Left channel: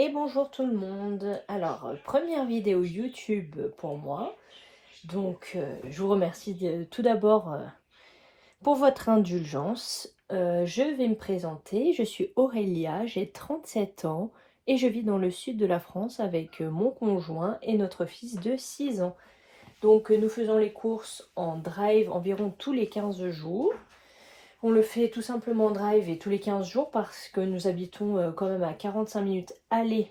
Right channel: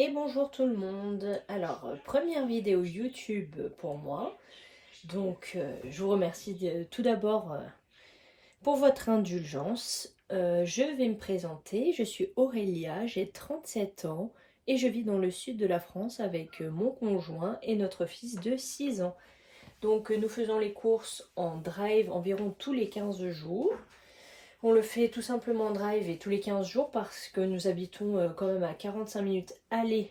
Et bonjour tout le monde. Alors, première vidéo YouTube pour moi. Donc, je vous remercie tout d'abord pour votre indulgence. Je vais me présenter. Je suis Aurélia, j'ai 37 ans et je vis dans le sud de la France avec mon conjoint et notre fils de 6 ans. Donc, nous faisons les courses en drive environ tous les 15 jours. On le fait tout simplement en drive et tous les 15 jours parce que nous habitons quand même à 45 minutes aller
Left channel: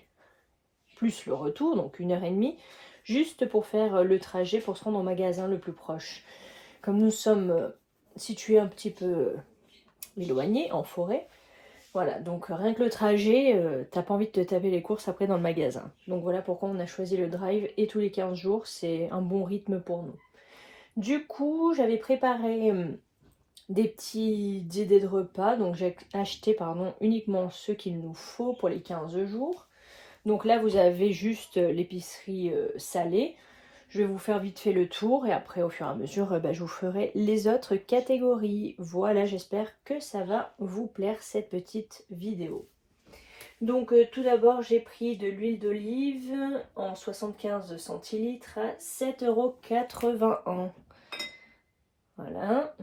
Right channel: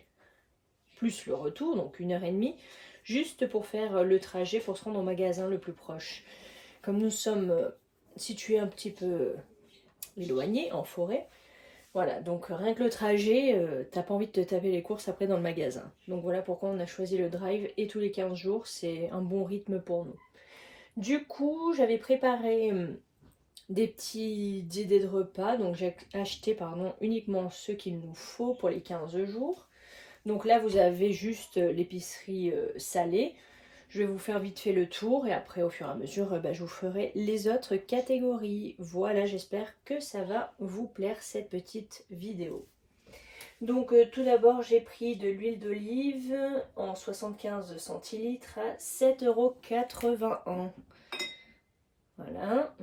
plus le retour, donc 1 h 30, juste pour faire le trajet pour se rendre au magasin le plus proche. Comme nous sommes situés un petit peu éloignés, en forêt, voilà, donc rien que le trajet, t'as pas envie de te taper les courses après dans le magasin. Donc voilà pourquoi on a choisi le drive et tous les 15 jours, c'est un bon rythme pour nous. Du coup, j'avais préparé des petites idées de repas, donc j'ai acheté uniquement ce qu'il nous faut pour les 15 jours. Donc là, vous avez juste l'épicerie salée. Je vais vous faire vite fait le tour et après, au fur et à mesure, je vous ferai les autres catégories. Voilà, j'espère que ça va vous plaire cette petite vidéo. Donc tout d'abord, j'ai pris de l'huile d'olive en 75 centilitres à 7,81 €. Voilà.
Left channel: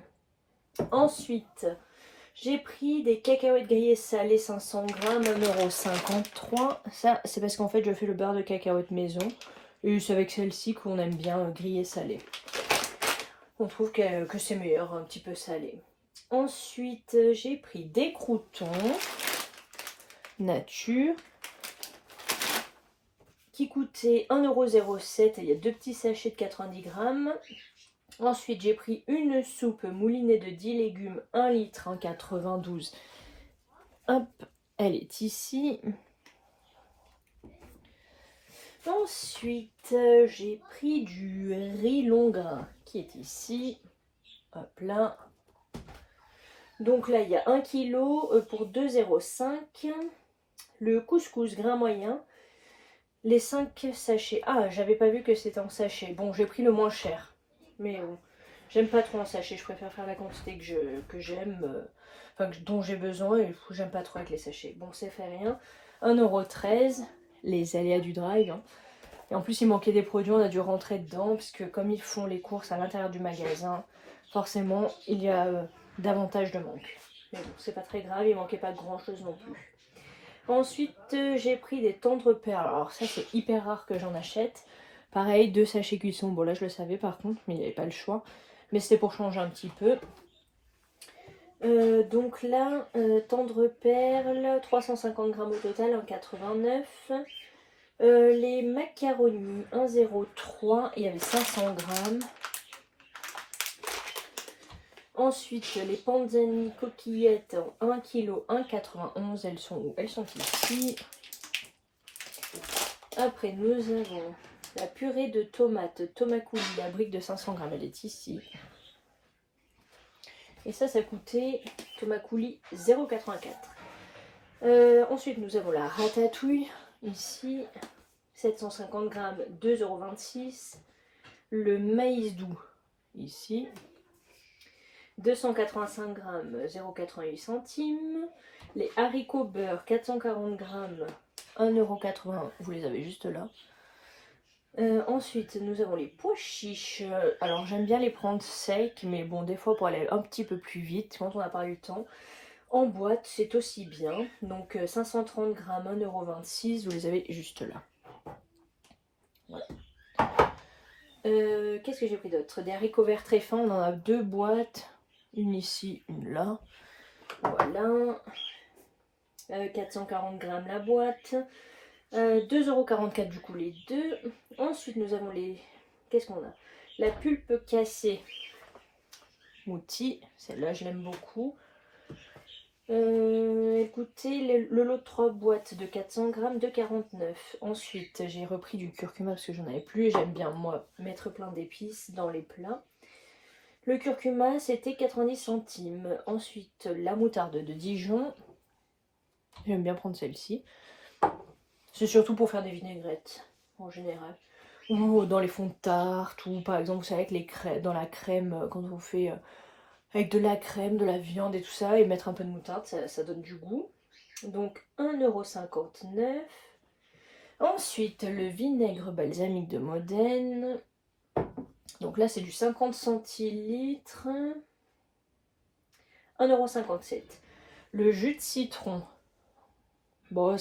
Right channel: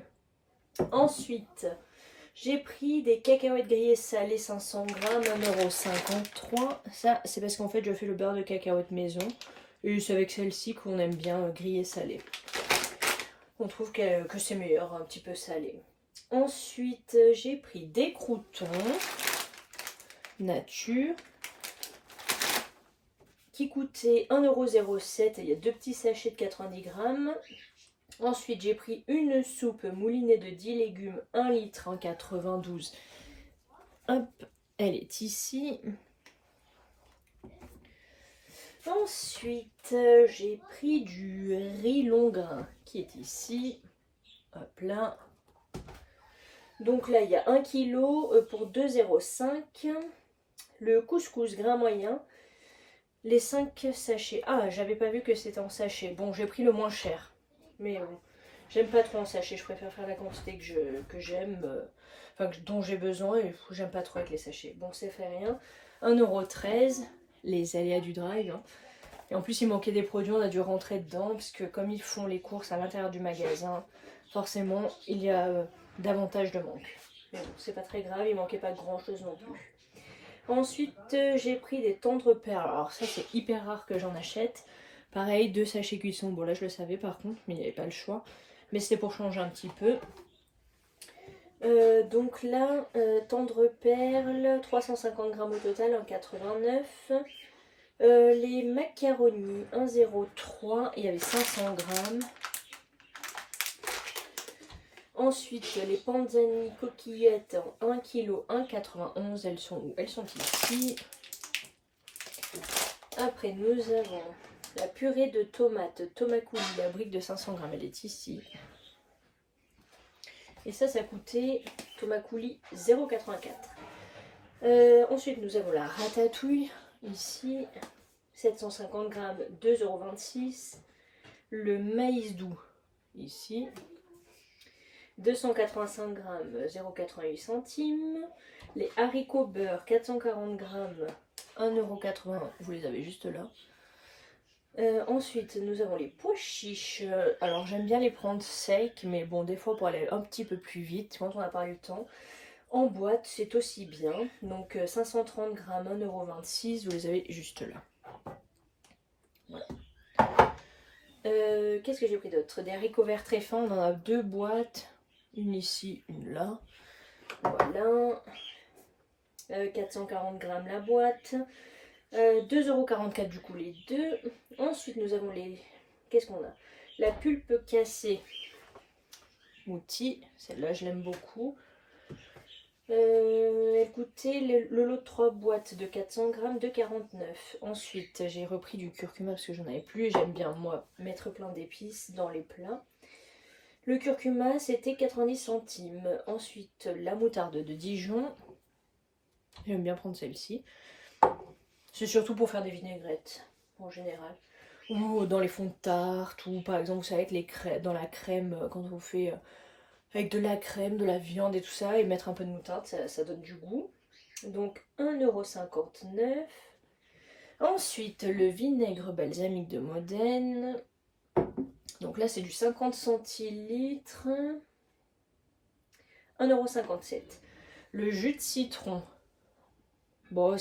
Ensuite, j'ai pris des cacahuètes grillées salées 500 grammes, 1,53 €. Ça, c'est parce qu'en fait, je fais le beurre de cacahuète maison. Et c'est avec celle-ci qu'on aime bien griller salé. On trouve que c'est meilleur, un petit peu salé. Ensuite, j'ai pris des croûtons nature qui coûtaient 1,07 €. Il y a deux petits sachets de 90 grammes. Ensuite, j'ai pris une soupe moulinée de 10 légumes, 1 litre, en 92. Hop, elle est ici. Ensuite, j'ai pris du riz long grain qui est ici. Hop là. Donc là, il y a 1 kg pour 2,05 €. Le couscous grain moyen. Les 5 sachets. Ah, j'avais pas vu que c'était en sachet. Bon, j'ai pris le moins cher. Mais j'aime pas trop en sachet. Je préfère faire la quantité que j'aime. Dont j'ai besoin. Et j'aime pas trop avec les sachets. Bon, c'est fait rien. 1,13 €. Les aléas du drive. Hein. Et en plus, il manquait des produits. On a dû rentrer dedans. Puisque comme ils font les courses à l'intérieur du magasin, forcément, il y a davantage de manque. Mais bon, c'est pas très grave. Il manquait pas grand chose non plus. Ensuite, j'ai pris des tendres perles. Alors ça, c'est hyper rare que j'en achète. Pareil, 2 sachets cuisson. Bon, là, je le savais par contre, mais il n'y avait pas le choix. Mais c'était pour changer un petit peu. Donc là, tendre perles, 350 grammes au total, 1,89 €. Les macaronis, 1,03 €. Il y avait 500 grammes. Ensuite, les panzani coquillettes en 1 kg, 1,91 €. Elles sont où? Elles sont ici. Après, nous avons la purée de tomates Tomacouli, la brique de 500 grammes. Elle est ici. Et ça coûtait Tomacouli 0,84 €. Ensuite, nous avons la ratatouille ici. 750 grammes, 2,26 €. Le maïs doux ici. 285 grammes, 0,88 centimes. Les haricots beurre, 440 grammes, 1,80 €. Vous les avez juste là. Ensuite, nous avons les pois chiches. Alors, j'aime bien les prendre secs, mais bon, des fois, pour aller un petit peu plus vite, quand on n'a pas eu le temps, en boîte, c'est aussi bien. Donc, 530 grammes, 1,26 €. Vous les avez juste là. Voilà. Qu'est-ce que j'ai pris d'autre? Des haricots verts très fins. On en a 2 boîtes. Une ici, une là. Voilà. 440 grammes la boîte. 2,44 € du coup les deux. Ensuite nous avons les... Qu'est-ce qu'on a? La pulpe cassée Mouti. Celle-là je l'aime beaucoup. Elle coûtait le lot de 3 boîtes de 400 grammes de 49. Ensuite j'ai repris du curcuma parce que j'en avais plus. Et j'aime bien moi mettre plein d'épices dans les plats. Le curcuma c'était 90 centimes. Ensuite la moutarde de Dijon. J'aime bien prendre celle-ci. C'est surtout pour faire des vinaigrettes, en général. Ou dans les fonds de tarte, ou par exemple, vous savez, avec les crèmes, dans la crème, quand on fait avec de la crème, de la viande et tout ça, et mettre un peu de moutarde, ça donne du goût. Donc 1,59 €. Ensuite, le vinaigre balsamique de Modène. Donc là, c'est du 50 centilitres. 1,57 €. Le jus de citron. Bon,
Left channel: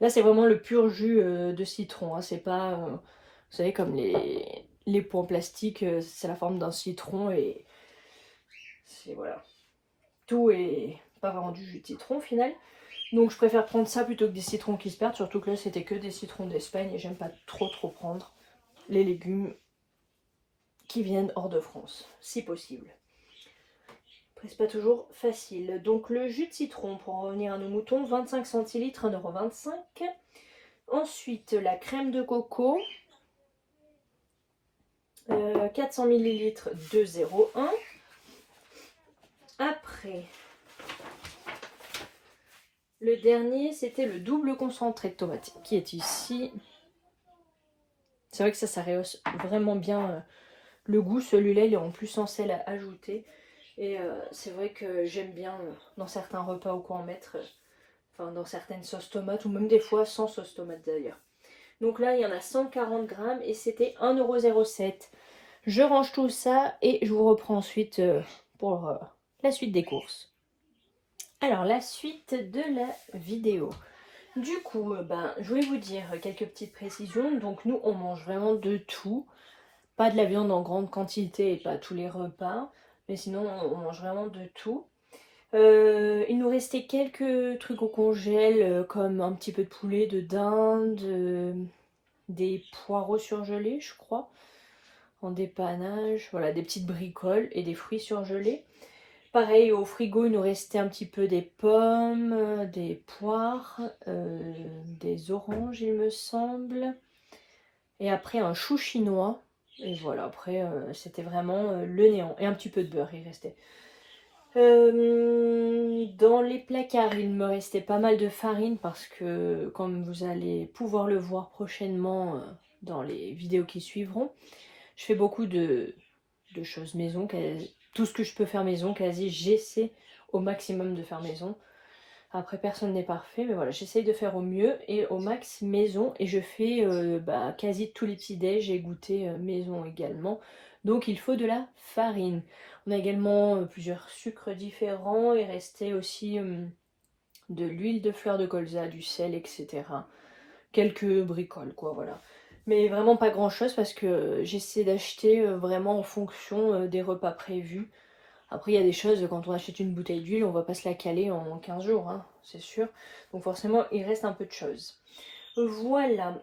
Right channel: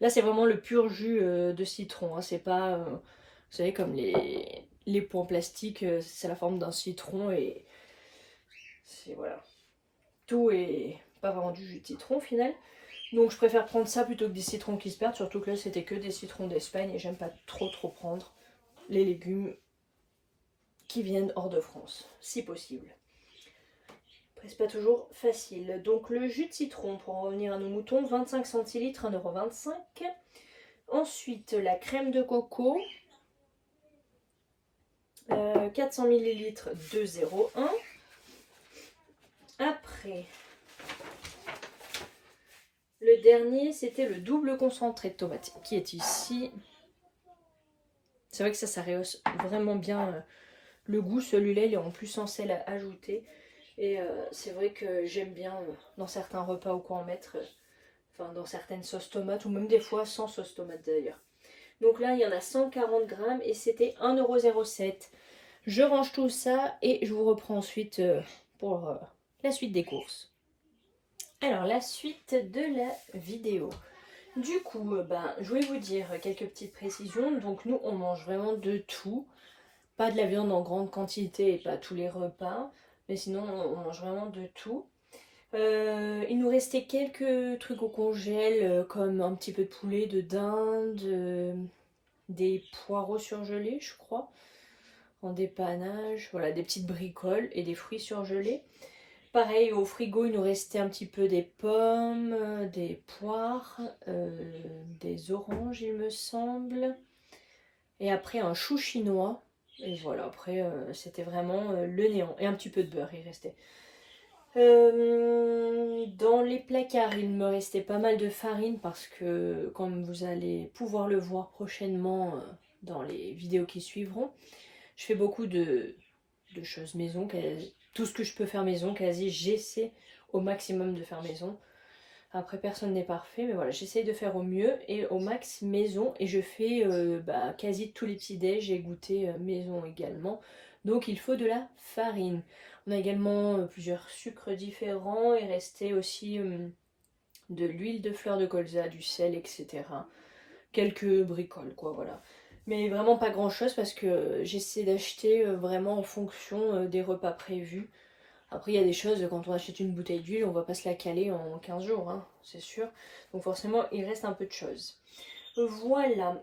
là, c'est vraiment le pur jus de citron. Hein. C'est pas, vous savez, comme les pots en plastique, c'est la forme d'un citron et c'est voilà. Tout est pas vraiment du jus de citron au final. Donc je préfère prendre ça plutôt que des citrons qui se perdent, surtout que là c'était que des citrons d'Espagne et j'aime pas trop prendre les légumes qui viennent hors de France, si possible. Après c'est pas toujours facile. Donc le jus de citron, pour en revenir à nos moutons, 25 centilitres, 1,25 €. Ensuite la crème de coco, 400 millilitres, 2,01 €. Après, le dernier, c'était le double concentré de tomate qui est ici. C'est vrai que ça rehausse vraiment bien le goût. Celui-là, il est en plus sans sel à ajouter. Et c'est vrai que j'aime bien dans certains repas ou quoi en mettre, enfin dans certaines sauces tomates ou même des fois sans sauce tomate d'ailleurs. Donc là, il y en a 140 grammes et c'était 1,07 €. Je range tout ça et je vous reprends ensuite pour la suite des courses. Alors, la suite de la vidéo. Du coup, je voulais vous dire quelques petites précisions. Donc nous, on mange vraiment de tout. Pas de la viande en grande quantité et pas tous les repas. Mais sinon, on mange vraiment de tout. Il nous restait quelques trucs au congèle, comme un petit peu de poulet, de dinde, des poireaux surgelés, je crois, en dépannage. Voilà, des petites bricoles et des fruits surgelés. Pareil, au frigo, il nous restait un petit peu des pommes, des poires, des oranges, il me semble. Et après, un chou chinois. Et voilà, après, c'était vraiment le néant. Et un petit peu de beurre, il restait. Dans les placards, il me restait pas mal de farine parce que, comme vous allez pouvoir le voir prochainement dans les vidéos qui suivront, je fais beaucoup de choses maison. Tout ce que je peux faire maison, quasi, j'essaie au maximum de faire maison. Après, personne n'est parfait, mais voilà, j'essaye de faire au mieux et au max maison. Et je fais quasi tous les petits déj et goûter maison également. Donc, il faut de la farine. On a également plusieurs sucres différents. Il restait aussi de l'huile de fleur de colza, du sel, etc. Quelques bricoles, quoi, voilà. Mais vraiment pas grand chose parce que j'essaie d'acheter vraiment en fonction des repas prévus. Après, il y a des choses, quand on achète une bouteille d'huile, on va pas se la caler en 15 jours, hein, c'est sûr. Donc forcément, il reste un peu de choses. Voilà.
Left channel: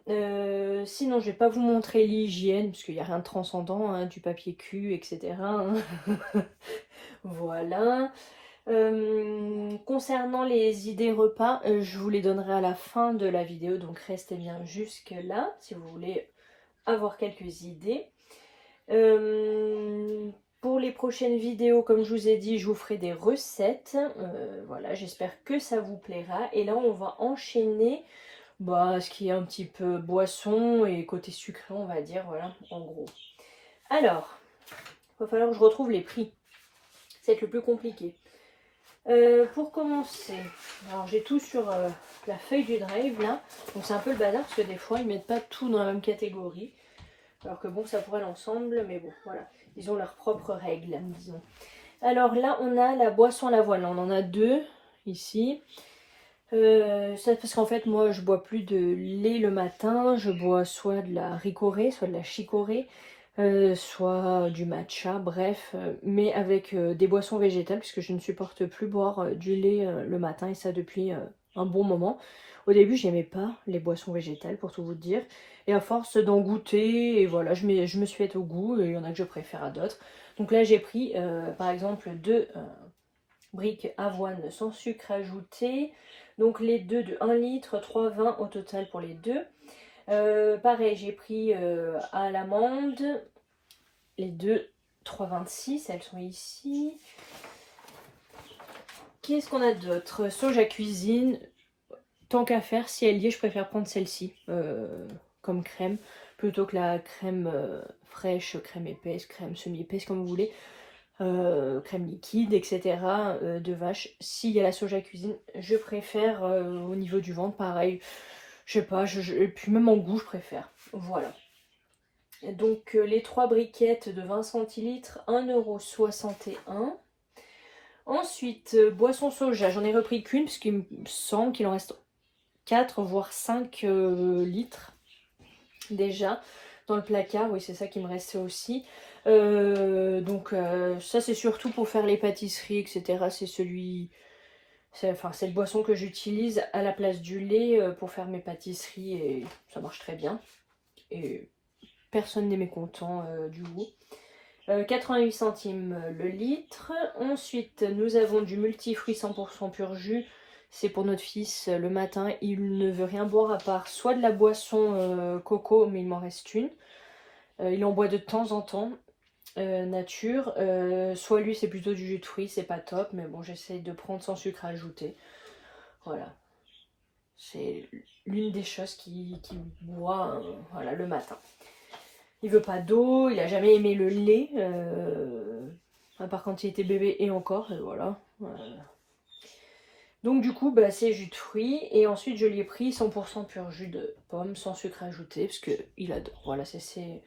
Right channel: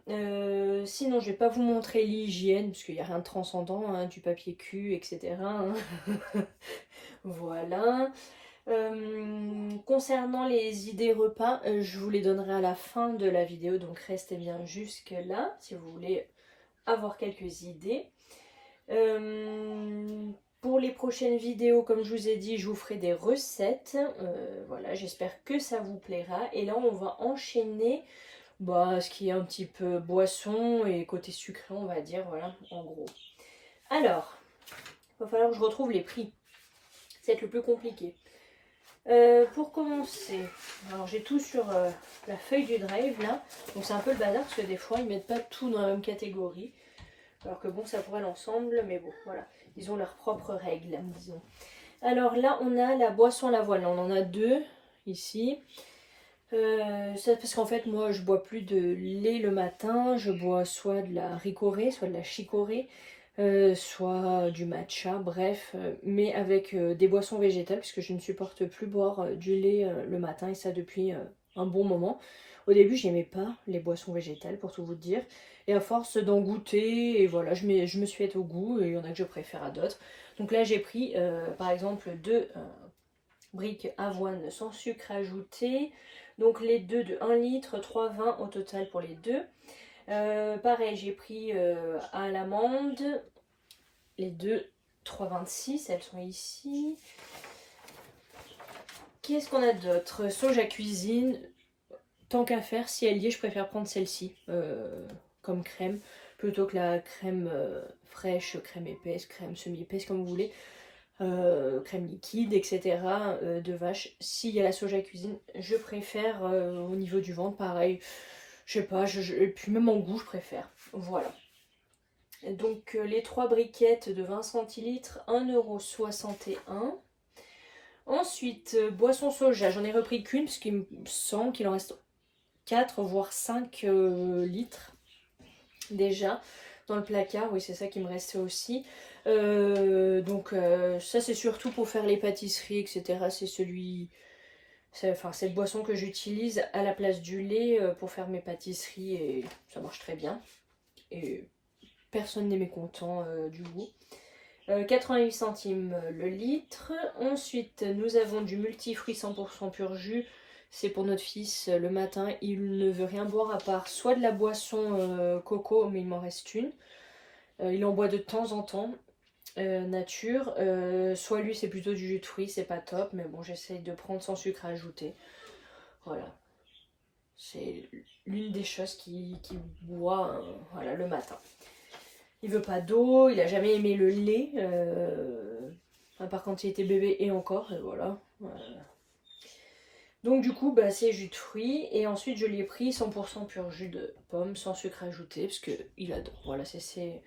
Sinon, je vais pas vous montrer l'hygiène, parce qu'il n'y a rien de transcendant, hein, du papier cul, etc. hein. Voilà. Concernant les idées repas, je vous les donnerai à la fin de la vidéo, donc restez bien jusque là, si vous voulez avoir quelques idées. Pour les prochaines vidéos, comme je vous ai dit, je vous ferai des recettes. Voilà, j'espère que ça vous plaira. Et là, on va enchaîner ce qui est un petit peu boisson et côté sucré, on va dire, voilà, en gros. Alors, il va falloir que je retrouve les prix. C'est le plus compliqué. Pour commencer, alors j'ai tout sur la feuille du drive là. Donc c'est un peu le bazar parce que des fois, ils mettent pas tout dans la même catégorie. Alors que bon, ça pourrait aller ensemble, mais bon, voilà. Ils ont leurs propres règles, disons. Alors là, on a la boisson à l'avoine. On en a deux, ici. Ça, parce qu'en fait, moi, je bois plus de lait le matin. Je bois soit de la ricorée, soit de la chicorée, soit du matcha, bref. Mais avec des boissons végétales, puisque je ne supporte plus boire du lait le matin, et ça depuis un bon moment. Au début, j'aimais pas les boissons végétales, pour tout vous dire. Et à force d'en goûter, et voilà, je me suis faite au goût, et il y en a que je préfère à d'autres. Donc là, j'ai pris, par exemple, deux briques avoine sans sucre ajouté. Donc les deux de 1 litre, 3,20 au total pour les deux. Pareil, j'ai pris à l'amande, les deux 3,26, elles sont ici. Qu'est-ce qu'on a d'autre? Soja cuisine. Tant qu'à faire, si elle y est, je préfère prendre celle-ci comme crème plutôt que la crème fraîche, crème épaisse, crème semi-épaisse, comme vous voulez, crème liquide, etc. De vache. S'il y a la soja cuisine, je préfère au niveau du ventre, pareil. Je sais pas, et puis même en goût, je préfère. Voilà. Donc les 3 briquettes de 20 centilitres, 1,61 €. Ensuite, boisson soja, j'en ai repris qu'une parce qu'il me semble qu'il en reste 4 voire 5 litres déjà dans le placard. Oui, c'est ça qui me restait aussi. Donc ça c'est surtout pour faire les pâtisseries, etc. C'est cette boisson que j'utilise à la place du lait pour faire mes pâtisseries et ça marche très bien. Et personne n'est mécontent du goût. 88 centimes le litre. Ensuite, nous avons du multifruit 100% pur jus. C'est pour notre fils le matin. Il ne veut rien boire à part soit de la boisson coco, mais il m'en reste une. Il en boit de temps en temps, nature. Soit lui, c'est plutôt du jus de fruits, c'est pas top. Mais bon, j'essaie de prendre sans sucre ajouté. Voilà. C'est l'une des choses qu'il boit voilà, le matin. Il veut pas d'eau, il a jamais aimé le lait, à part quand il était bébé et encore, et voilà. Donc du coup, bah, c'est jus de fruits, et ensuite je lui ai pris 100% pur jus de pomme, sans sucre ajouté, parce qu'il adore. Voilà, c'est ses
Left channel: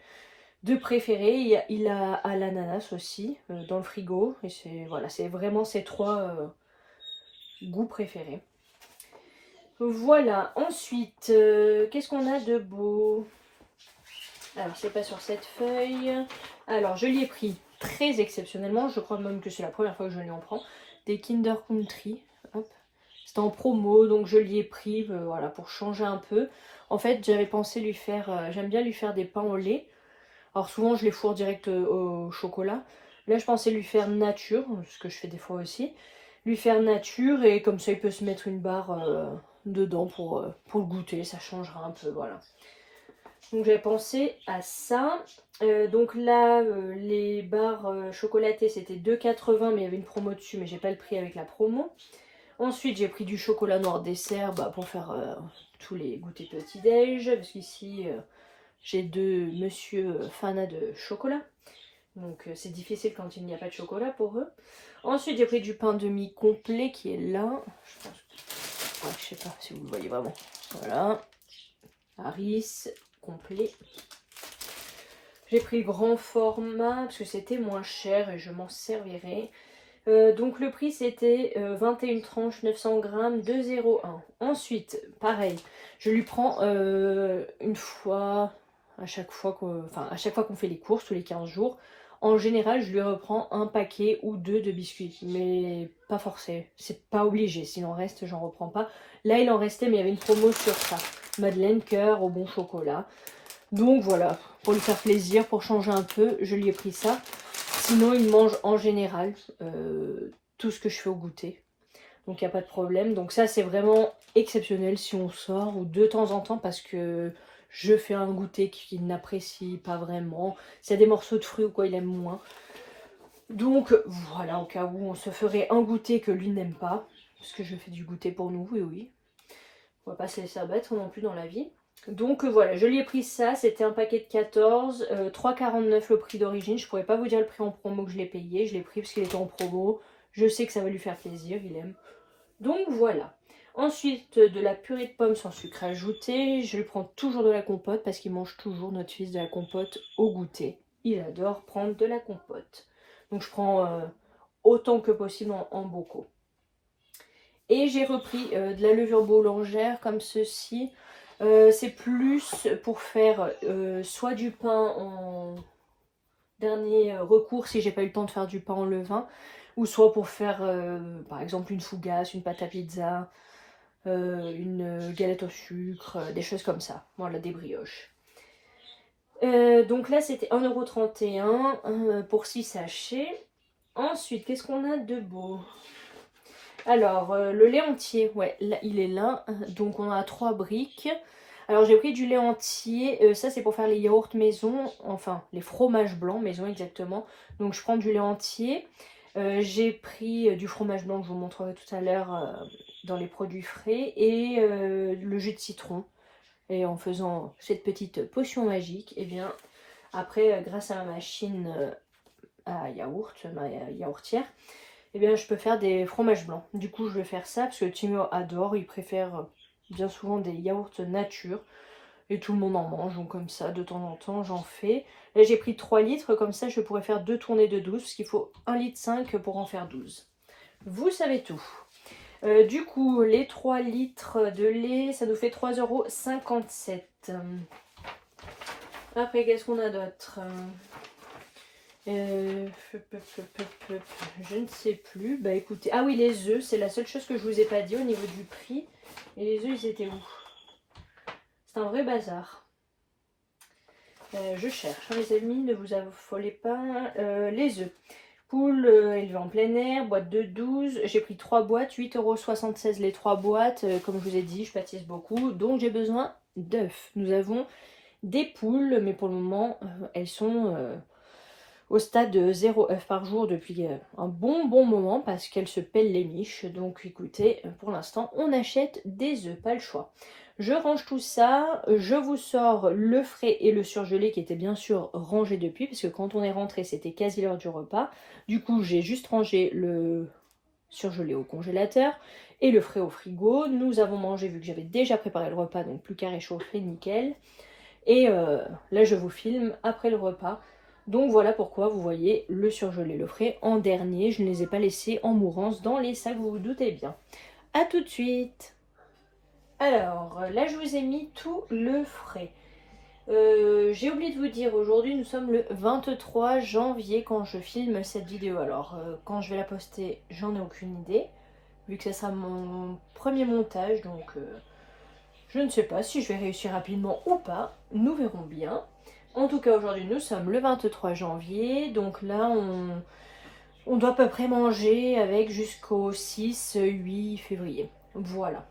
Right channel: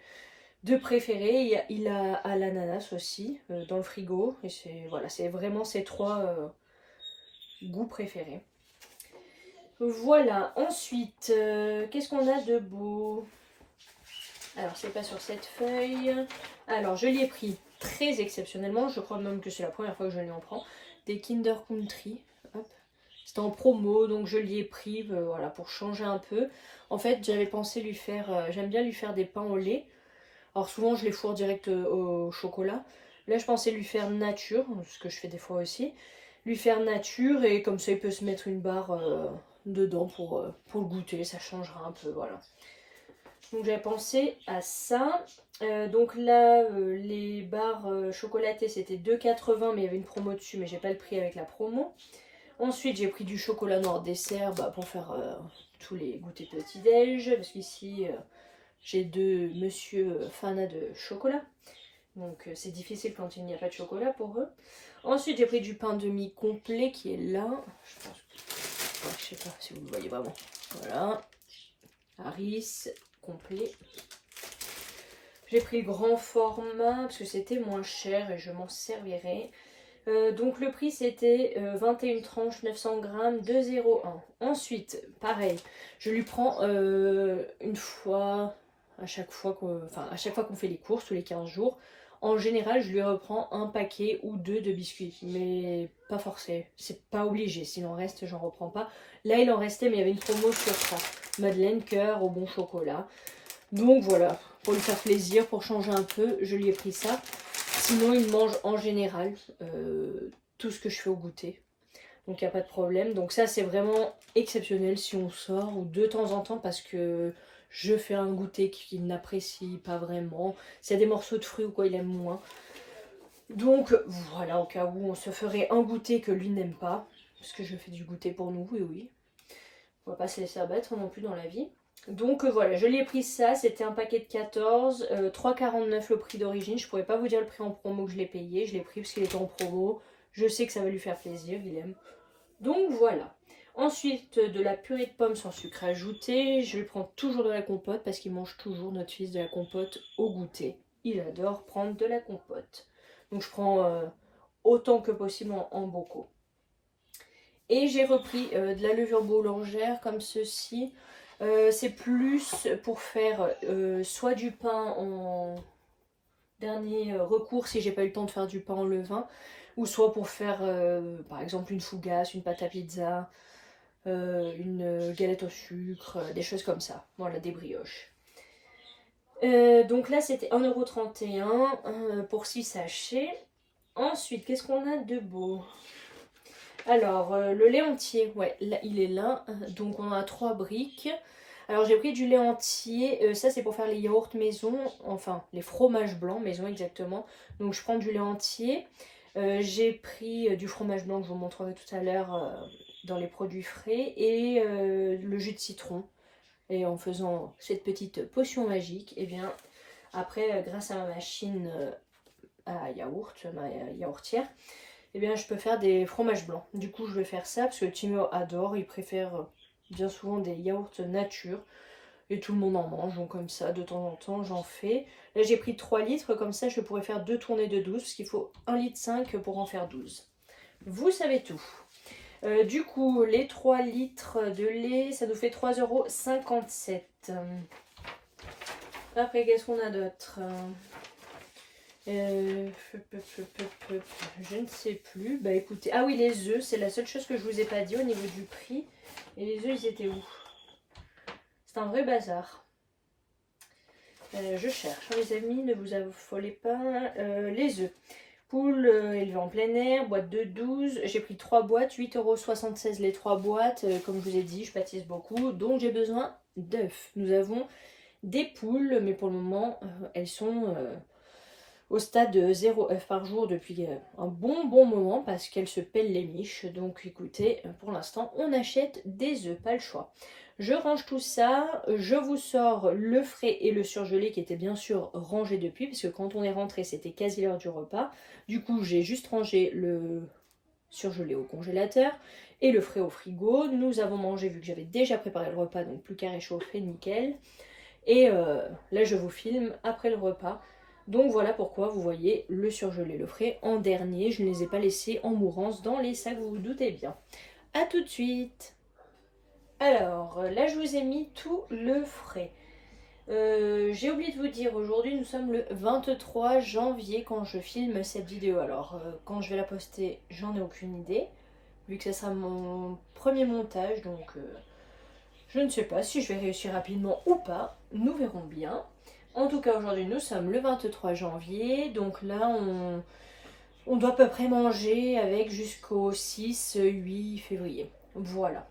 deux préférés. Il a à l'ananas aussi, dans le frigo, et c'est vraiment ses 3 goûts préférés. Voilà, ensuite, qu'est-ce qu'on a de beau? Alors, c'est pas sur cette feuille. Alors, je l'ai pris très exceptionnellement. Je crois même que c'est la première fois que je l'ai en prends. Des Kinder Country. C'était en promo, donc je l'ai pris voilà, pour changer un peu. En fait, j'avais pensé lui faire... j'aime bien lui faire des pains au lait. Alors, souvent, je les fourre direct au chocolat. Là, je pensais lui faire nature, ce que je fais des fois aussi. Lui faire nature, et comme ça, il peut se mettre une barre dedans pour le goûter. Ça changera un peu, voilà. Donc j'avais pensé à ça. Donc là, les barres chocolatées, c'était 2,80 mais il y avait une promo dessus, mais j'ai pas le prix avec la promo. Ensuite, j'ai pris du chocolat noir dessert pour faire tous les goûters petit-déj, parce qu'ici, j'ai 2 monsieur fans de chocolat. Donc c'est difficile quand il n'y a pas de chocolat pour eux. Ensuite, j'ai pris du pain demi complet qui est là. Je pense que... je sais pas si vous le voyez vraiment. Voilà. Harris complet. J'ai pris le grand format parce que c'était moins cher et je m'en servirai. Donc le prix c'était 21 tranches, 900 grammes, 2,01. Ensuite, pareil, je lui prends une fois, à chaque fois qu'on fait les courses, tous les 15 jours. En général, je lui reprends un paquet ou 2 de biscuits, mais pas forcé, c'est pas obligé. S'il en reste, j'en reprends pas. Là, il en restait, mais il y avait une promo sur ça. Madeleine cœur au bon chocolat. Donc voilà, pour lui faire plaisir, pour changer un peu, je lui ai pris ça. Sinon, il mange en général tout ce que je fais au goûter. Donc il n'y a pas de problème. Donc ça, c'est vraiment exceptionnel si on sort ou de temps en temps parce que je fais un goûter qu'il n'apprécie pas vraiment. S'il y a des morceaux de fruits ou quoi, il aime moins. Donc voilà, au cas où on se ferait un goûter que lui n'aime pas. Parce que je fais du goûter pour nous, oui, oui. On va pas se laisser abattre non plus dans la vie. Donc voilà, je lui ai pris ça, c'était un paquet de 14, 3,49 le prix d'origine. Je pourrais pas vous dire le prix en promo que je l'ai payé, je l'ai pris parce qu'il était en promo. Je sais que ça va lui faire plaisir, il aime. Donc voilà. Ensuite, de la purée de pommes sans sucre ajouté. Je lui prends toujours de la compote parce qu'il mange toujours, notre fils, de la compote au goûter. Il adore prendre de la compote. Donc je prends autant que possible en bocaux. Et j'ai repris de la levure boulangère comme ceci. C'est plus pour faire soit du pain en dernier recours si j'ai pas eu le temps de faire du pain en levain, ou soit pour faire par exemple une fougasse, une pâte à pizza, une galette au sucre, des choses comme ça. Voilà, des brioches. Donc là c'était 1,31 € pour 6 sachets. Ensuite, qu'est-ce qu'on a de beau? Alors, le lait entier, ouais, là, il est là. Donc, on a 3 briques. Alors, j'ai pris du lait entier. Ça, c'est pour faire les yaourts maison. Enfin, les fromages blancs maison, exactement. Donc, je prends du lait entier. J'ai pris du fromage blanc que je vous montrerai tout à l'heure dans les produits frais. Et le jus de citron. Et en faisant cette petite potion magique, et bien, après, grâce à ma machine à yaourt, ma yaourtière, eh bien je peux faire des fromages blancs. Du coup je vais faire ça parce que le Timur adore, il préfère bien souvent des yaourts nature. Et tout le monde en mange, donc comme ça, de temps en temps, j'en fais. Là, j'ai pris 3 litres, comme ça, je pourrais faire 2 tournées de 12, parce qu'il faut 1,5 litre pour en faire 12. Vous savez tout. Du coup, les 3 litres de lait, ça nous fait 3,57 €. Après, qu'est-ce qu'on a d'autre? Je ne sais plus. Bah écoutez, ah oui, les œufs, c'est la seule chose que je vous ai pas dit au niveau du prix. Et les œufs, ils étaient où? C'est un vrai bazar. Je cherche, hein, les amis, ne vous affolez pas. Les œufs. Poule élevée en plein air, boîte de 12. J'ai pris 3 boîtes, 8,76 € les 3 boîtes. Comme je vous ai dit, je pâtisse beaucoup, donc j'ai besoin d'œufs. Nous avons des poules, mais pour le moment, elles sont au stade de 0 œufs par jour depuis un bon moment parce qu'elles se pèlent les miches. Donc écoutez, pour l'instant, on achète des œufs, pas le choix. Je range tout ça, je vous sors le frais et le surgelé qui étaient bien sûr rangés depuis, parce que quand on est rentré, c'était quasi l'heure du repas. Du coup, j'ai juste rangé le surgelé au congélateur et le frais au frigo. Nous avons mangé, vu que j'avais déjà préparé le repas, donc plus qu'à réchauffer, nickel. Et là, je vous filme après le repas. Donc voilà pourquoi vous voyez le surgelé, le frais en dernier. Je ne les ai pas laissés en mourance dans les sacs, vous vous doutez bien. A tout de suite. Alors, là, je vous ai mis tout le frais. J'ai oublié de vous dire, aujourd'hui, nous sommes le 23 janvier quand je filme cette vidéo. Alors, quand je vais la poster, j'en ai aucune idée, vu que ça sera mon premier montage, donc je ne sais pas si je vais réussir rapidement ou pas. Nous verrons bien. En tout cas, aujourd'hui, nous sommes le 23 janvier, donc là, on doit à peu près manger avec jusqu'au 6-8 février. Voilà.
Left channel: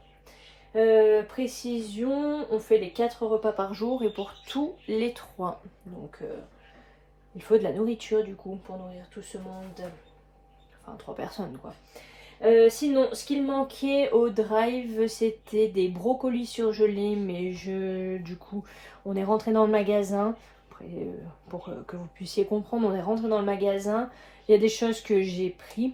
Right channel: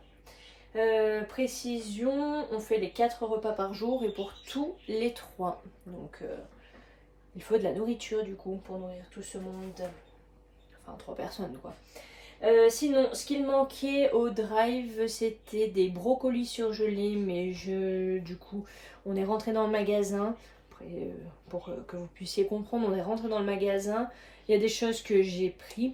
Précision, on fait les 4 repas par jour et pour tous les 3. Donc il faut de la nourriture du coup pour nourrir tout ce monde. Enfin 3 personnes quoi. Sinon, ce qu'il manquait au drive, c'était des brocolis surgelés, mais du coup, on est rentré dans le magasin. Après, pour que vous puissiez comprendre, on est rentré dans le magasin. Il y a des choses que j'ai pris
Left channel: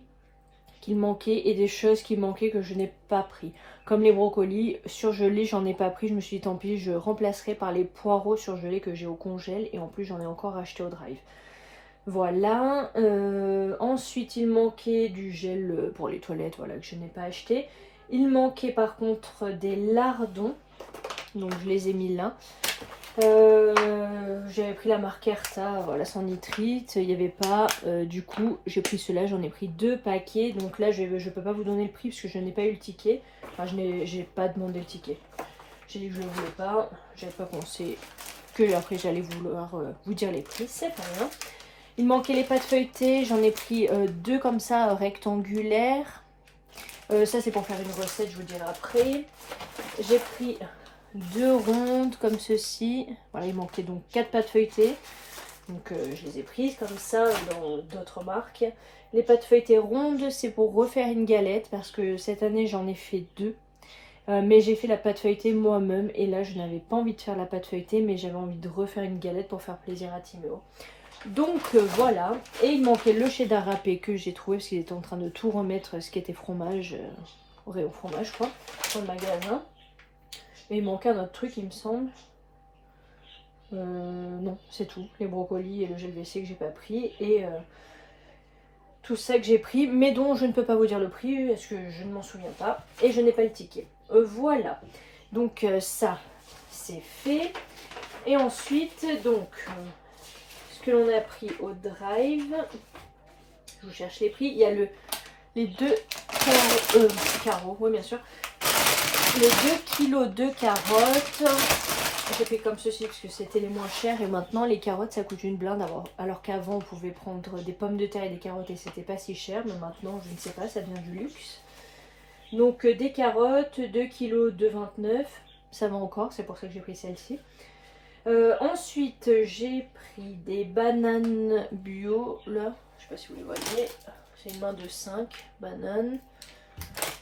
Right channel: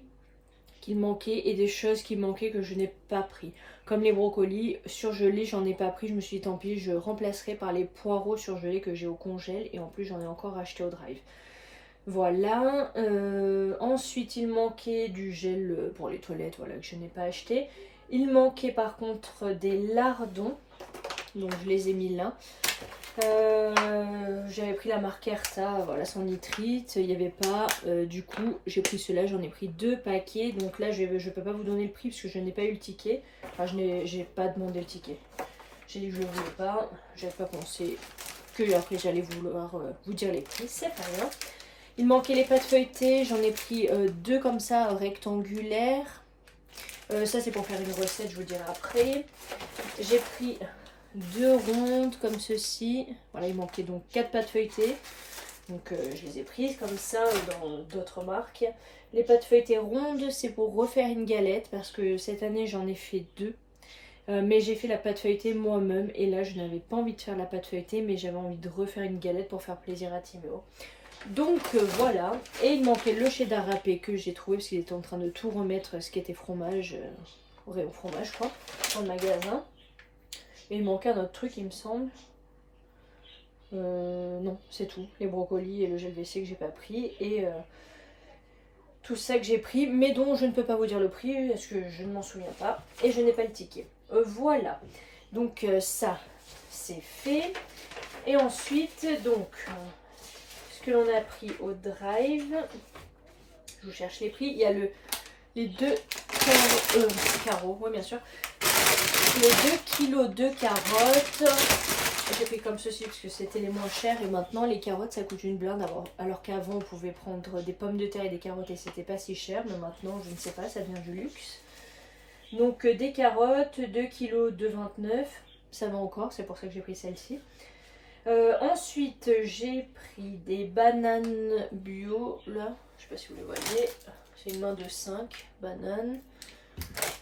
qu'il manquait et des choses qui manquaient que je n'ai pas pris. Comme les brocolis surgelés, j'en ai pas pris. Je me suis dit tant pis, je remplacerai par les poireaux surgelés que j'ai au congèle. Et en plus, j'en ai encore acheté au drive. Voilà. Ensuite, il manquait du gel pour les toilettes, voilà, que je n'ai pas acheté. Il manquait par contre des lardons. Donc je les ai mis là. J'avais pris la marque Erta, voilà, sans nitrite, il n'y avait pas, du coup j'ai pris cela, j'en ai pris 2 paquets, donc là je peux pas vous donner le prix parce que je n'ai pas eu le ticket, enfin j'ai pas demandé le ticket, j'ai dit que je ne le voulais pas, j'avais pas pensé que après j'allais vouloir vous dire les prix, c'est pas grave. Il manquait les pâtes feuilletées, j'en ai pris 2 comme ça rectangulaires, ça c'est pour faire une recette, je vous dirai après. J'ai pris 2 rondes comme ceci. Voilà, il manquait donc 4 pâtes feuilletées. Donc je les ai prises comme ça dans d'autres marques. Les pâtes feuilletées rondes, c'est pour refaire une galette parce que cette année j'en ai fait 2. Mais j'ai fait la pâte feuilletée moi-même et là je n'avais pas envie de faire la pâte feuilletée mais j'avais envie de refaire une galette pour faire plaisir à Timéo. Donc voilà. Et il manquait le cheddar râpé que j'ai trouvé parce qu'il était en train de tout remettre ce qui était fromage, au fromage quoi, dans le magasin. Et il manquait un autre truc, il me semble. Non, c'est tout. Les brocolis et le gel WC que j'ai pas pris. Et tout ça que j'ai pris, mais dont je ne peux pas vous dire le prix, parce que je ne m'en souviens pas. Et je n'ai pas le ticket. Voilà. Donc ça, c'est fait. Et ensuite, donc, ce que l'on a pris au drive. Je vous cherche les prix. Il y a les 2 carreaux, oui bien sûr. Les 2 kilos de carottes, j'ai pris comme ceci parce que c'était les moins chers et maintenant les carottes ça coûte une blinde alors qu'avant on pouvait prendre des pommes de terre et des carottes et c'était pas si cher, mais maintenant je ne sais pas, ça devient du luxe. Donc des carottes, 2 kilos de 29, ça va encore, c'est pour ça que j'ai pris celle-ci. Ensuite j'ai pris des bananes bio, là, je sais pas si vous les voyez, c'est une main de 5 bananes,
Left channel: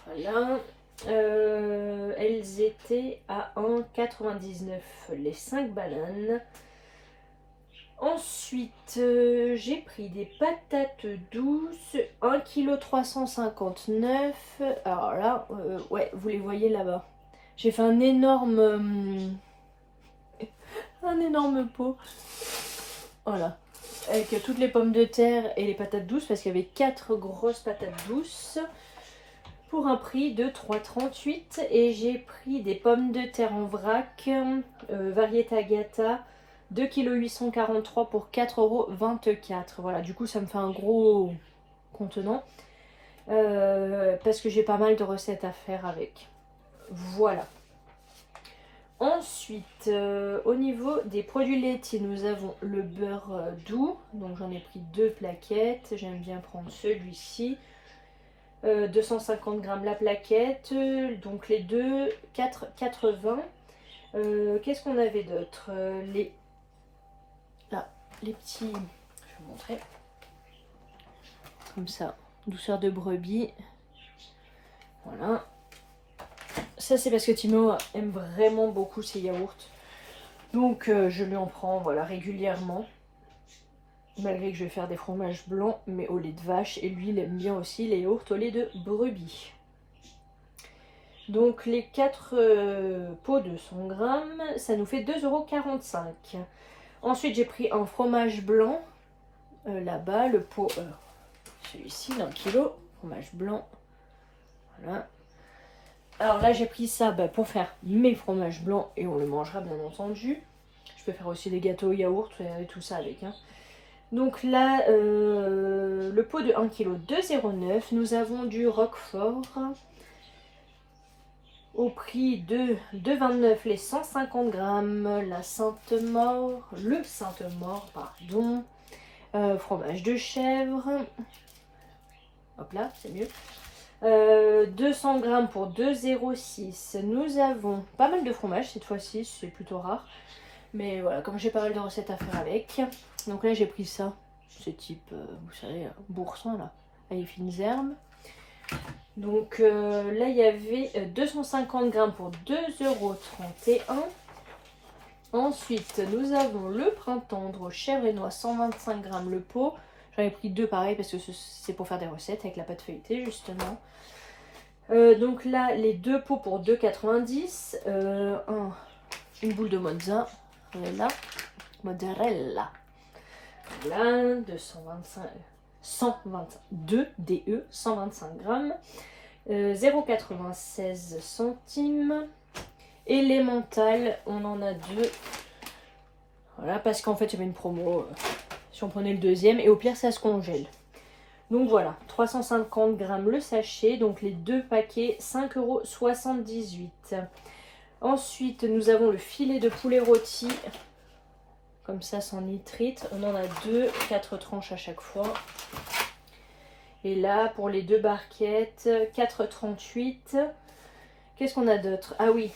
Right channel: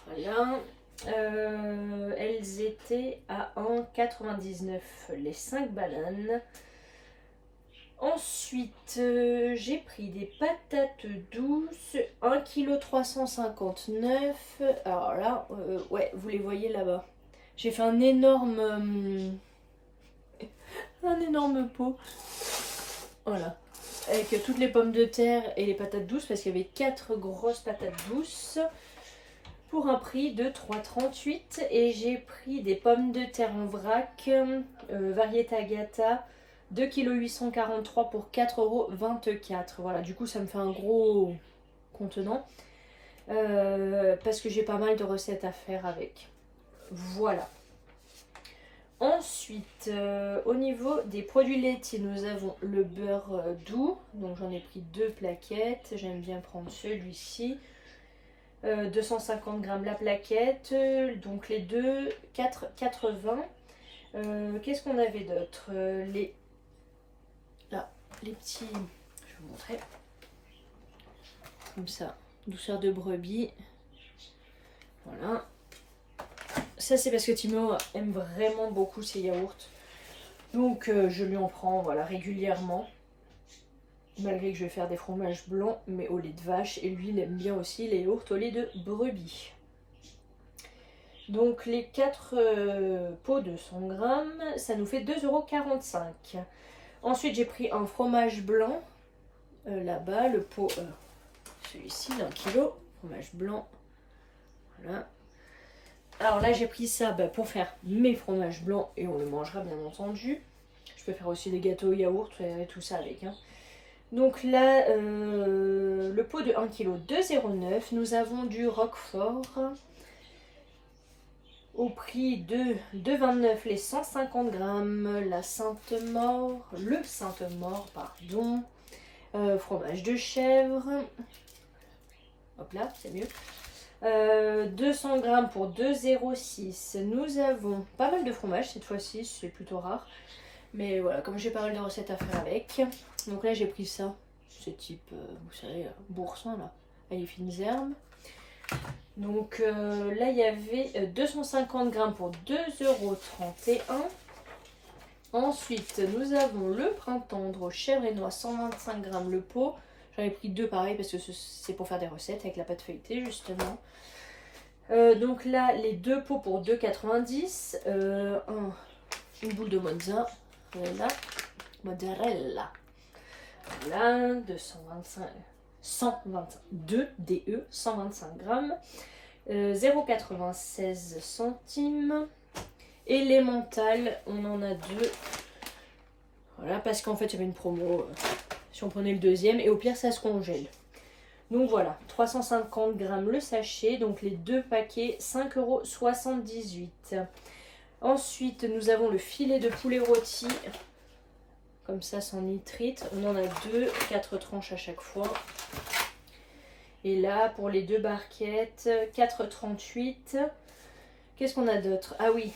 voilà. Elles étaient à 1,99 les 5 bananes. Ensuite, j'ai pris des patates douces, 1,359 kg. Alors là, ouais, vous les voyez là-bas. J'ai fait un énorme pot. Voilà. Avec toutes les pommes de terre et les patates douces, parce qu'il y avait 4 grosses patates douces pour un prix de 3,38 €. Et j'ai pris des pommes de terre en vrac, variété Agata, 2,843 kg pour 4,24 €. Voilà, du coup ça me fait un gros contenant, parce que j'ai pas mal de recettes à faire avec. Voilà. Ensuite, au niveau des produits laitiers, nous avons le beurre doux. Donc j'en ai pris 2 plaquettes. J'aime bien prendre celui-ci. 250 g la plaquette. Donc les deux, 4,80 €. Qu'est-ce qu'on avait d'autre? Là, les petits... Je vais vous montrer. Comme ça. Douceur de brebis. Voilà. Ça c'est parce que Timo aime vraiment beaucoup ces yaourts. Donc je lui en prends voilà, régulièrement. Malgré que je vais faire des fromages blancs mais au lait de vache. Et lui il aime bien aussi les yaourts au lait de brebis. Donc les 4 pots de 100 g, ça nous fait 2,45 €. Ensuite j'ai pris un fromage blanc. Là-bas le pot, celui-ci d'1 kg. Fromage blanc. Voilà. Alors là j'ai pris ça pour faire mes fromages blancs et on le mangera bien entendu. Je peux faire aussi des gâteaux au yaourt et tout ça avec. Hein. Donc là le pot de 1 kg 2,09 €. Nous avons du Roquefort au prix de 2,29 € les 150 g. La Sainte-Maure, le Sainte-Maure pardon. Fromage de chèvre. Hop là c'est mieux. 200 g pour 2,06 €. Nous avons pas mal de fromage cette fois-ci, c'est plutôt rare. Mais voilà, comme j'ai pas mal de recettes à faire avec. Donc là j'ai pris ça, ce type, vous savez, boursin là, avec les fines herbes. Donc là il y avait 250 g pour 2,31 €. Ensuite nous avons le pain tendre chèvre et noix, 125 g le pot. J'en ai pris 2 pareil parce que c'est pour faire des recettes avec la pâte feuilletée justement. Donc là les 2 pots pour 2,90 €. Une boule de mozzarella. Mozzarella. Voilà, 122 DE, 125 g. 0,96 centimes. Élémental, on en a 2. Voilà, parce qu'en fait il y avait une promo. Si on prenait le deuxième, et au pire ça se congèle. Donc voilà, 350 g le sachet, donc les 2 paquets, 5,78 €. Ensuite, nous avons le filet de poulet rôti, comme ça sans nitrite. On en a 2, 4 tranches à chaque fois. Et là, pour les 2 barquettes, 4,38 €. Qu'est-ce qu'on a d'autre? Ah oui,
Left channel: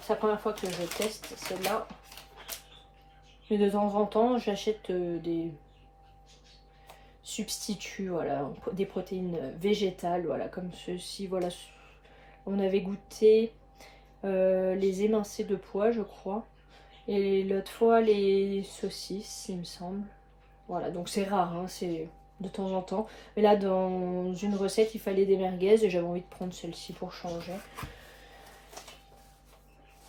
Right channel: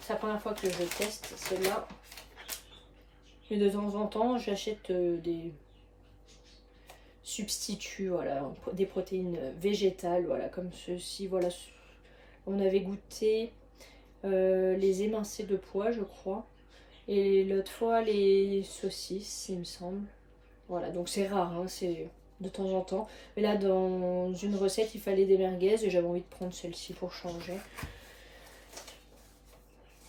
c'est la première fois que je teste celle-là. Mais de temps en temps, j'achète des substituts, voilà, des protéines végétales, voilà, comme ceci, voilà. On avait goûté les émincés de pois, je crois. Et l'autre fois, les saucisses, il me semble. Voilà, donc c'est rare, hein, c'est de temps en temps. Mais là, dans une recette, il fallait des merguez et j'avais envie de prendre celle-ci pour changer.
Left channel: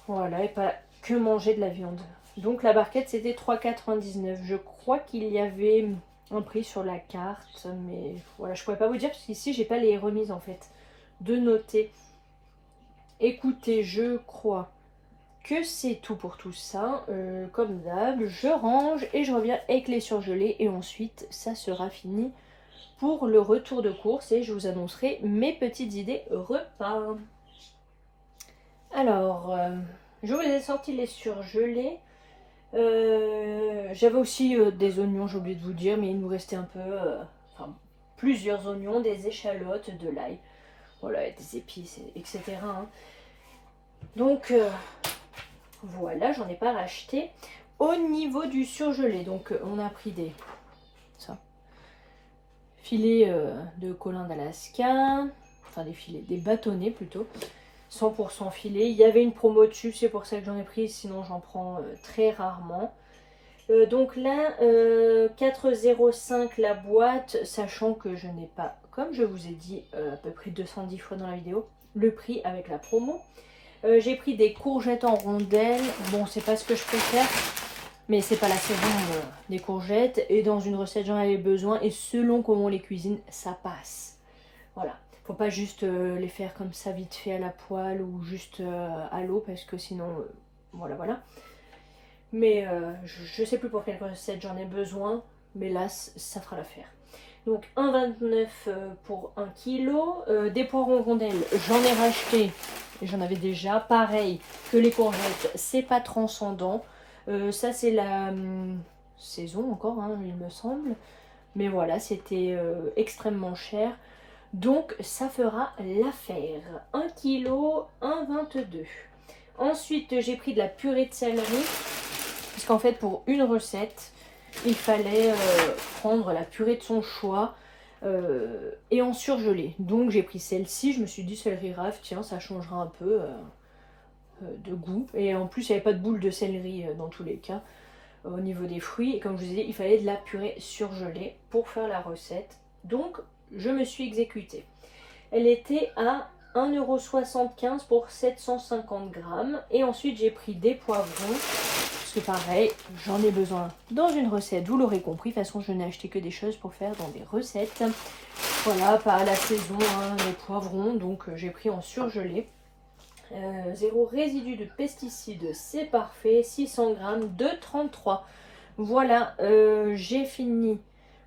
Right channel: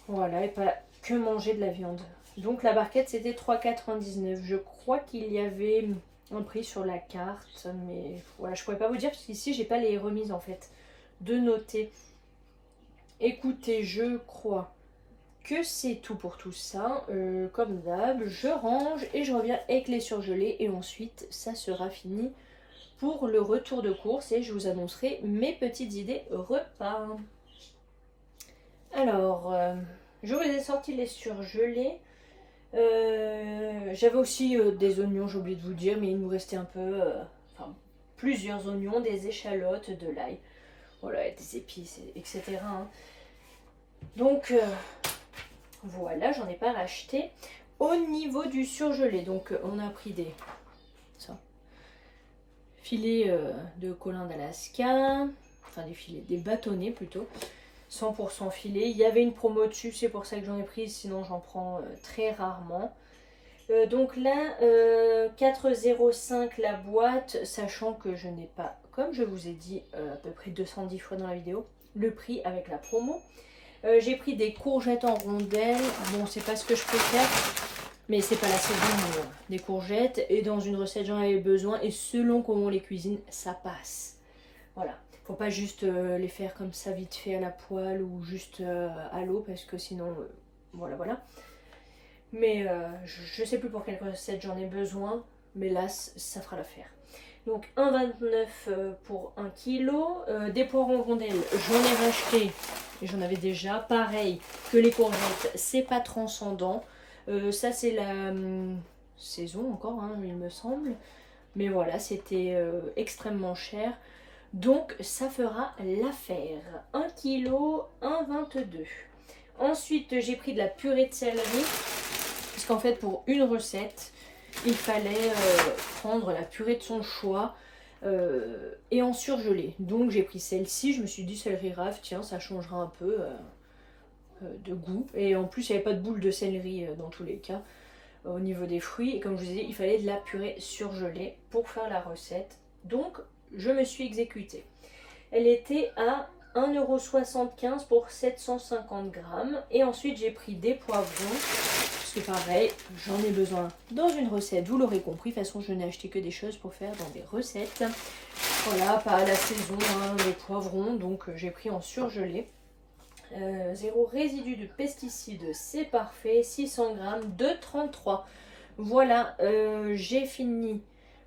Voilà, et pas que manger de la viande. Donc la barquette, c'était 3,99 €. Je crois qu'il y avait un prix sur la carte, mais voilà, je pourrais pas vous dire parce qu'ici, j'ai pas les remises en fait de noter. Écoutez, je crois que c'est tout pour tout ça. Comme d'hab, je range et je reviens avec les surgelés. Et ensuite, ça sera fini pour le retour de course. Et je vous annoncerai mes petites idées repas. Alors, je vous ai sorti les surgelés. J'avais aussi des oignons, j'ai oublié de vous dire. Mais il nous restait un peu... enfin, plusieurs oignons, des échalotes, de l'ail. Voilà, des épices, etc. Hein. Donc, voilà, j'en ai pas racheté. Au niveau du surgelé, donc on a pris des filets de colin d'Alaska, enfin des filets, des bâtonnets plutôt, 100% filets. Il y avait une promo dessus, c'est pour ça que j'en ai pris, sinon j'en prends très rarement. Donc là, 4,05 la boîte, sachant que je n'ai pas, comme je vous ai dit à peu près 210 fois dans la vidéo, le prix avec la promo. J'ai pris des courgettes en rondelles. Bon, c'est pas ce que je préfère, mais c'est pas la saison des courgettes. Et dans une recette, j'en avais besoin. Et selon comment on les cuisine, ça passe. Voilà. Faut pas juste les faire comme ça vite fait à la poêle ou juste à l'eau parce que sinon, voilà, voilà. Mais je sais plus pour quelle recette j'en ai besoin. Mais là, ça fera l'affaire. Donc 1,29 pour 1 kg. Des poireaux rondelles, j'en ai racheté. J'en avais déjà. Pareil que les courgettes, c'est pas transcendant. Ça c'est la saison encore, hein, il me semble. Mais voilà, c'était extrêmement cher. Donc ça fera l'affaire. 1 kg, 1,22. Ensuite, j'ai pris de la purée de céleri. Parce qu'en fait, pour une recette, il fallait prendre la purée de son choix et en surgeler. Donc j'ai pris celle-ci, je me suis dit céleri rave, tiens, ça changera un peu de goût. Et en plus, il n'y avait pas de boule de céleri dans tous les cas au niveau des fruits. Et comme je vous ai dit, il fallait de la purée surgelée pour faire la recette. Donc je me suis exécutée. Elle était à 1,75 € pour 750 grammes. Et ensuite, j'ai pris des poivrons. C'est pareil, j'en ai besoin dans une recette, vous l'aurez compris. De toute façon, je n'ai acheté que des choses pour faire dans des recettes. Voilà, pas à la saison, hein, les poivrons, donc j'ai pris en surgelé. Zéro résidu de pesticides, c'est parfait. 600 grammes de 33. Voilà, j'ai fini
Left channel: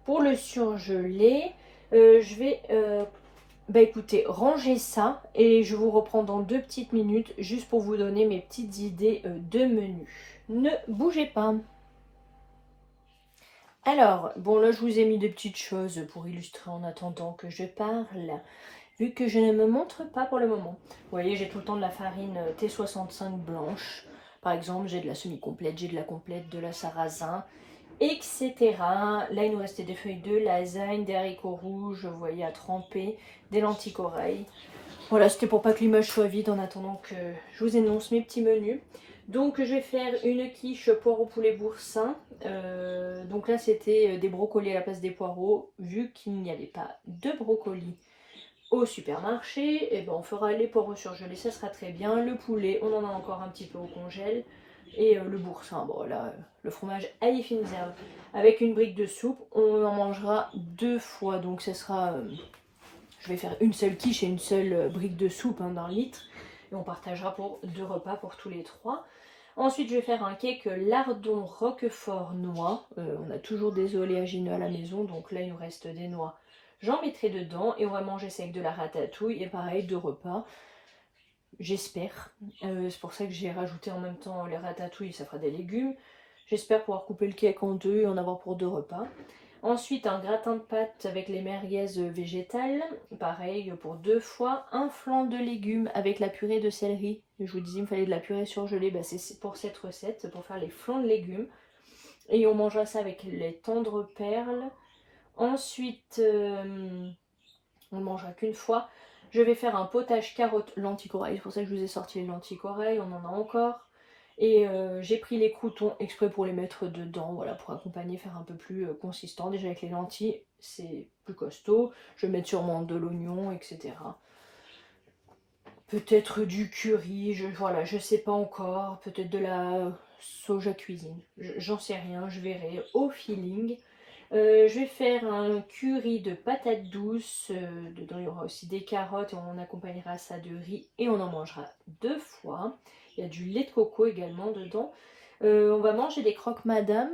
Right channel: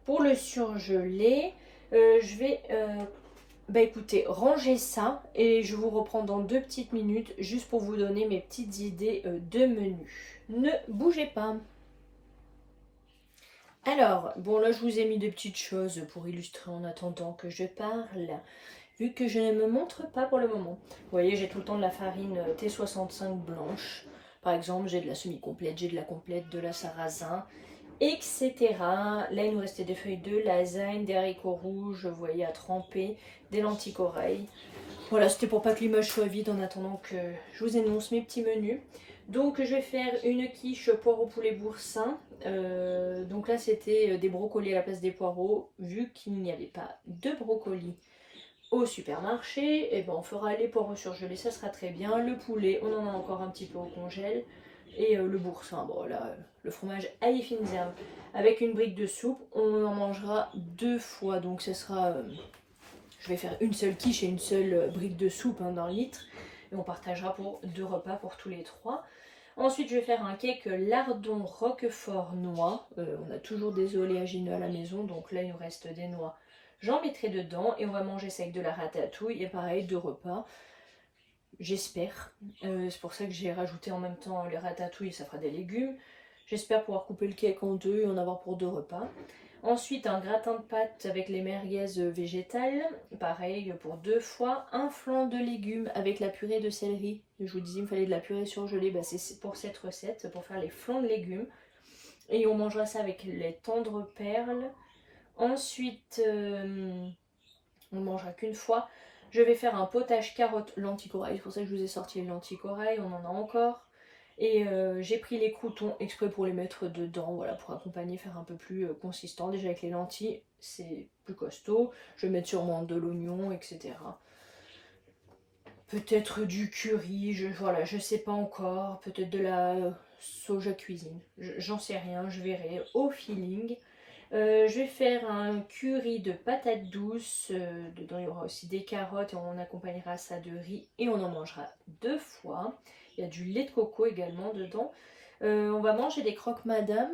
pour le surgelé. Je vais bah écoutez, rangez ça et je vous reprends dans 2 petites minutes juste pour vous donner mes petites idées de menu. Ne bougez pas. Alors, bon là je vous ai mis des petites choses pour illustrer en attendant que je parle, vu que je ne me montre pas pour le moment. Vous voyez, j'ai tout le temps de la farine T65 blanche. Par exemple, j'ai de la semi-complète, j'ai de la complète, de la sarrasin, etc. Là, il nous restait des feuilles de lasagne, des haricots rouges, vous voyez, à tremper, des lentilles corail. Voilà, c'était pour pas que l'image soit vide en attendant que je vous énonce mes petits menus. Donc, je vais faire une quiche poireau poulet boursin. Donc là, c'était des brocolis à la place des poireaux. Vu qu'il n'y avait pas de brocolis au supermarché, et ben on fera les poireaux surgelés, ça sera très bien. Le poulet, on en a encore un petit peu au congèle. Et le boursin, bon là, le fromage ail finzer avec une brique de soupe, on en mangera 2 fois. Donc ce sera, je vais faire une seule quiche et une seule brique de soupe d'un litre. Et on partagera pour 2 repas pour tous les 3. Ensuite, je vais faire un cake lardon roquefort noix. On a toujours des oléagineux à la maison, donc là il nous reste des noix. J'en mettrai dedans et on va manger ça avec de la ratatouille. Et pareil, 2 repas. J'espère. C'est pour ça que j'ai rajouté en même temps les ratatouilles, ça fera des légumes. J'espère pouvoir couper le cake en 2 et en avoir pour 2 repas. Ensuite, un gratin de pâtes avec les merguez végétales. Pareil pour 2 fois. Un flan de légumes avec la purée de céleri. Je vous disais, il me fallait de la purée surgelée. Bah, c'est pour cette recette, pour faire les flans de légumes. Et on mangera ça avec les tendres perles. Ensuite, on ne mangera qu'une fois. Je vais faire un potage carottes lentilles corail. C'est pour ça que je vous ai sorti les lentilles corail. On en a encore. Et j'ai pris les croûtons exprès pour les mettre dedans. Voilà, pour accompagner, faire un peu plus consistant. Déjà avec les lentilles, c'est plus costaud. Je vais mettre sûrement de l'oignon, etc. Peut-être du curry. Voilà, je sais pas encore. Peut-être de la soja cuisine. J'en sais rien. Je verrai au feeling. Je vais faire un curry de patates douces. Dedans, il y aura aussi des carottes et on accompagnera ça de riz et on en mangera 2 fois. Il y a du lait de coco également dedans. On va manger des croque-madame,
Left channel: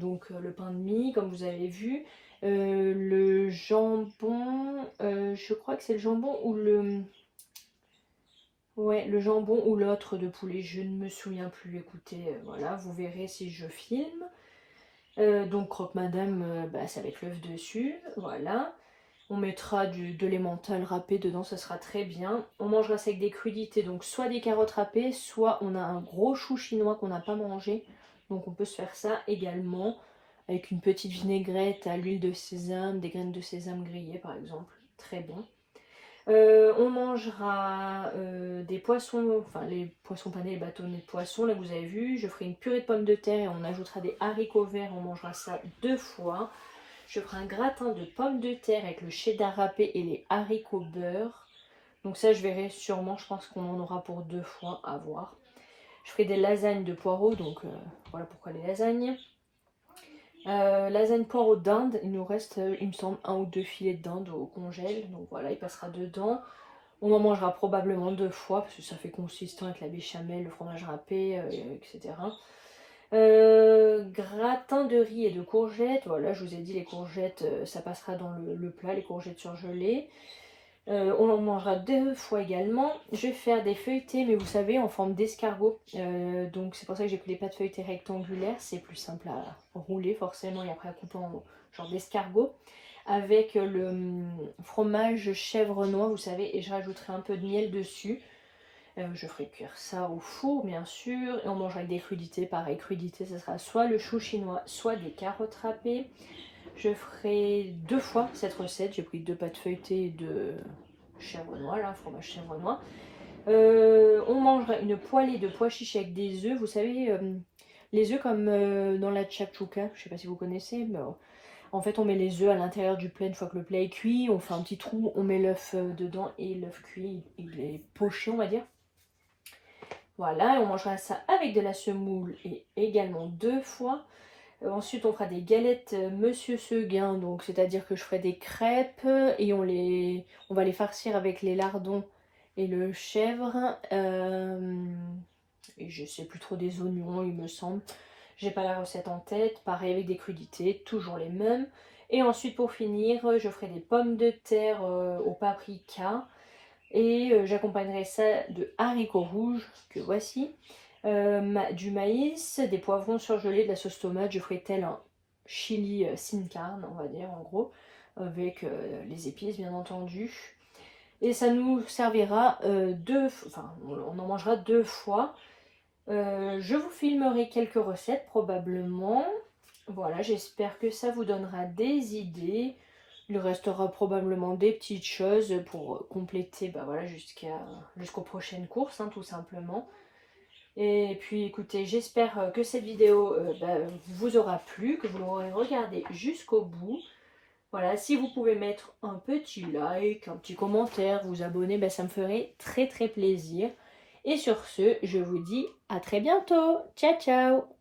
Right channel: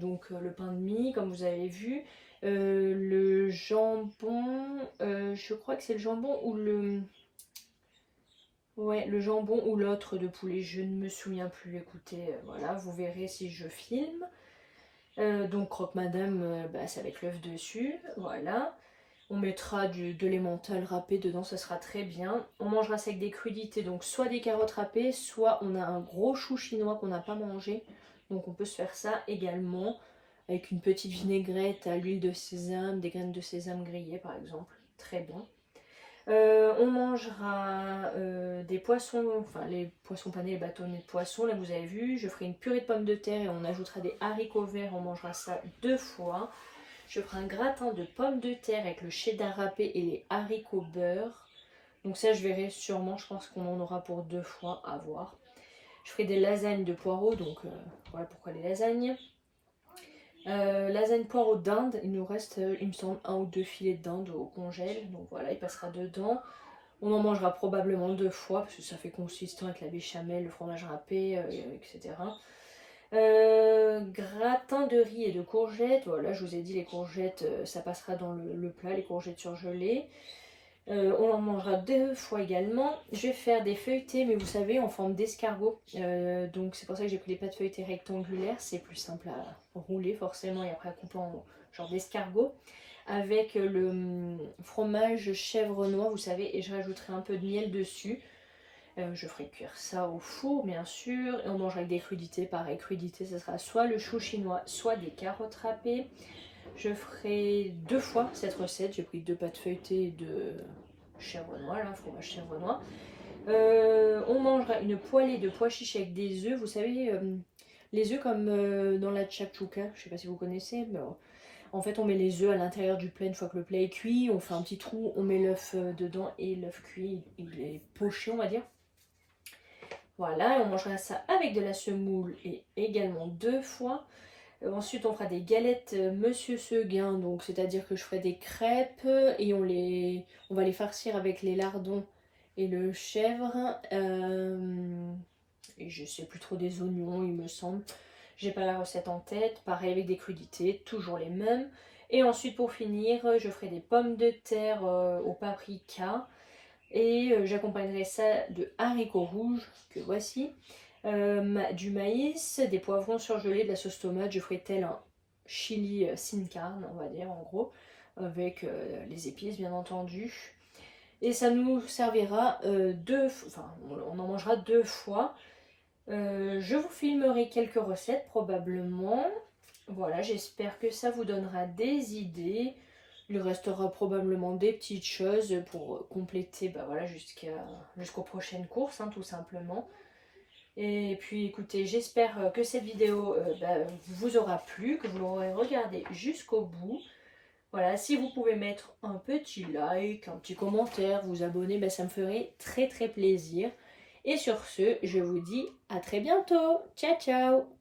donc le pain de mie, comme vous avez vu. Le jambon, je crois que c'est le jambon ou le... Ouais, le jambon ou l'autre de poulet, je ne me souviens plus. Écoutez, voilà, vous verrez si je filme. Donc croque-madame, bah, c'est avec l'œuf dessus, voilà. On mettra de l'emmental râpé dedans, ça sera très bien. On mangera ça avec des crudités, donc soit des carottes râpées, soit on a un gros chou chinois qu'on n'a pas mangé. Donc on peut se faire ça également, avec une petite vinaigrette à l'huile de sésame, des graines de sésame grillées par exemple, très bon. On mangera des poissons, enfin les poissons panés, les bâtonnets de poisson, là vous avez vu. Je ferai une purée de pommes de terre et on ajoutera des haricots verts, on mangera ça 2 fois. Je ferai un gratin de pommes de terre avec le cheddar râpé et les haricots beurre. Donc ça je verrai sûrement, je pense qu'on en aura pour 2 fois à voir. Je ferai des lasagnes de poireaux, donc voilà pourquoi les lasagnes. Lasagne poireaux d'Inde, il nous reste, il me semble, 1 ou 2 filets de dinde au congèle, donc voilà, il passera dedans. On en mangera probablement 2 fois, parce que ça fait consistant avec la béchamel, le fromage râpé, etc. Gratin de riz et de courgettes, voilà, je vous ai dit les courgettes, ça passera dans le plat, les courgettes surgelées. On en mangera 2 fois également. Je vais faire des feuilletés, mais vous savez, en forme d'escargot. Donc c'est pour ça que j'ai pris des pâtes feuilletées rectangulaires. C'est plus simple à rouler forcément et après à couper en genre d'escargot. Avec le fromage chèvre noix, vous savez, et je rajouterai un peu de miel dessus. Je ferai cuire ça au four, bien sûr. Et on mangera avec des crudités. Pareil, crudités, ce sera soit le chou chinois, soit des carottes râpées. Je ferai 2 fois cette recette. J'ai pris 2 pâtes feuilletées de chèvre noix, là, fromage chèvre noix. On mangera une poêlée de pois chiches avec des œufs. Vous savez, les œufs comme dans la tchakchouka. Je sais pas si vous connaissez, mais en fait, on met les œufs à l'intérieur du plat une fois que le plat est cuit. On fait un petit trou, on met l'œuf dedans et l'œuf cuit, il est poché, on va dire. Voilà, et on mangera ça avec de la semoule et également 2 fois. Ensuite, on fera des galettes Monsieur Seguin, donc c'est-à-dire que je ferai des crêpes et on va les farcir avec les lardons et le chèvre. Et je sais plus trop des oignons, il me semble. J'ai pas la recette en tête. Pareil avec des crudités, toujours les mêmes. Et ensuite, pour finir, je ferai des pommes de terre au paprika. Et j'accompagnerai ça de haricots rouges, que voici. Du maïs, des poivrons surgelés, de la sauce tomate. Je ferai tel un chili sin carne, on va dire en gros, avec les épices bien entendu. Et ça nous servira on en mangera 2 fois. Je vous filmerai quelques recettes probablement. Voilà, j'espère que ça vous donnera des idées. Il restera probablement des petites choses pour compléter voilà, jusqu'aux prochaines courses, hein, tout simplement. Et puis écoutez, j'espère que cette vidéo vous aura plu, que vous l'aurez regardée jusqu'au bout. Voilà, si vous pouvez mettre un petit like, un petit commentaire, vous abonner, ça me ferait très très plaisir. Et sur ce, je vous dis à très bientôt. Ciao ciao.